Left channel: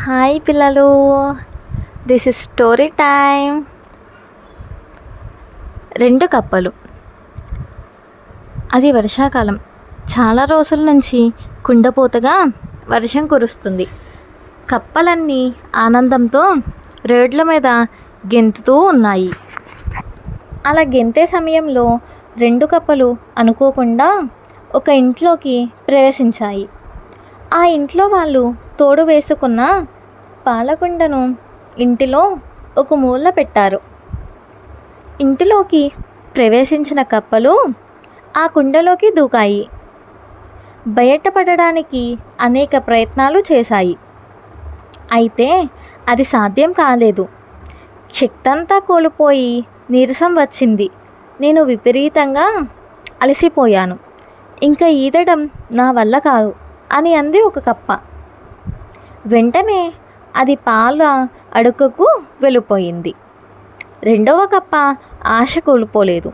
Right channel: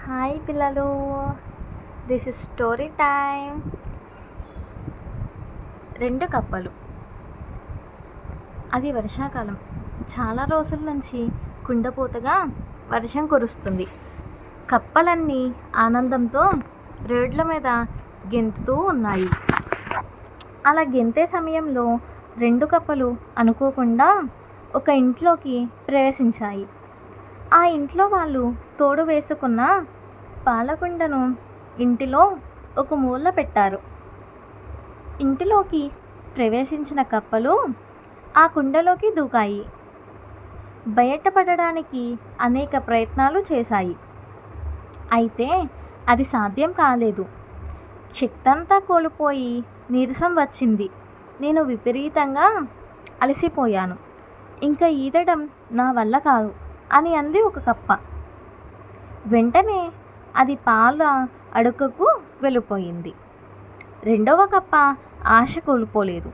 Hi పిల్లలు, this is story time. రెండు కప్పలు. అది వర్షాకాలం. చాలా రోజుల నుంచి కుండపోతగా వర్షం కురుస్తుంది. కప్పలన్నీ ఆనందంతో రోడ్ల మీద గెంతుతూ ఉన్నాయి. అలా గెంతే సమయంలో రెండు కప్పలు అనుకోకుండా ఒక ఇంట్లోకి ప్రవేశించాయి. ఆ ఇంట్లో వాళ్ళు తోడు వేసుకున్న పాలకుండను ఇంటిలో ఒక మూల పెట్టారు. ఇంటిలోకి ప్రవేశించిన కప్పలు ఆ కుండలోకి దూకాయి. బయటపడడానికి అనేక ప్రయత్నాలు చేశాయి. అయితే అది సాధ్యం కాలేదు. శక్తంతా కోల్పోయి నీరసం వచ్చింది. నేను విపరీతంగా అలసిపోయాను. ఇంకా ఈదడం నా వల్ల కాదు అని అంది ఒక కప్ప. వెంటనే అది పాల అడుగుకు వెళ్ళిపోయింది. రెండవ కప్ప ఆశ కోల్పోలేదు.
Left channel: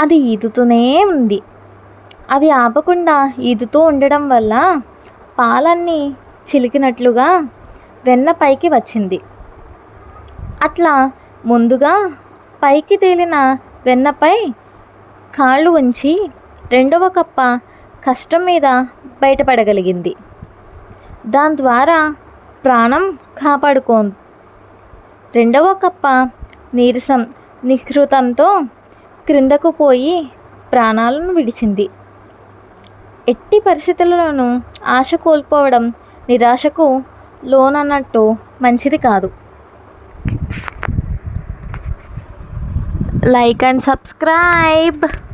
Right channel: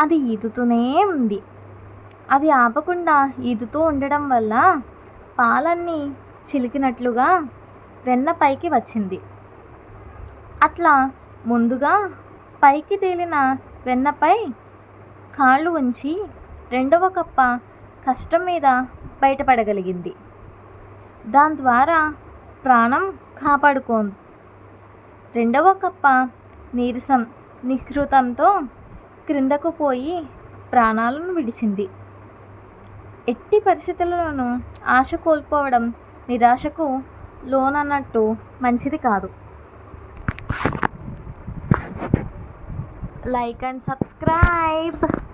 అది ఈదుతూనే ఉంది. అది ఆపకుండా ఈదుతూ ఉండడం వల్ల పాలన్నీ చిలికినట్లుగా వెన్న పైకి వచ్చింది. అట్లా ముందుగా పైకి తేలిన వెన్నపై కాళ్ళు ఉంచి రెండవ కప్ప కష్టం మీద బయటపడగలిగింది. దాని ద్వారా ప్రాణం కాపాడుకోంది. రెండవ కప్ప నీరసం నిహృతంతో క్రిందకు పోయి ప్రాణాలను విడిచింది. ఎట్టి పరిస్థితుల్లోనూ ఆశ కోల్పోవడం నిరాశకు లోనన్నట్టు మంచిది కాదు. Like and subscribe.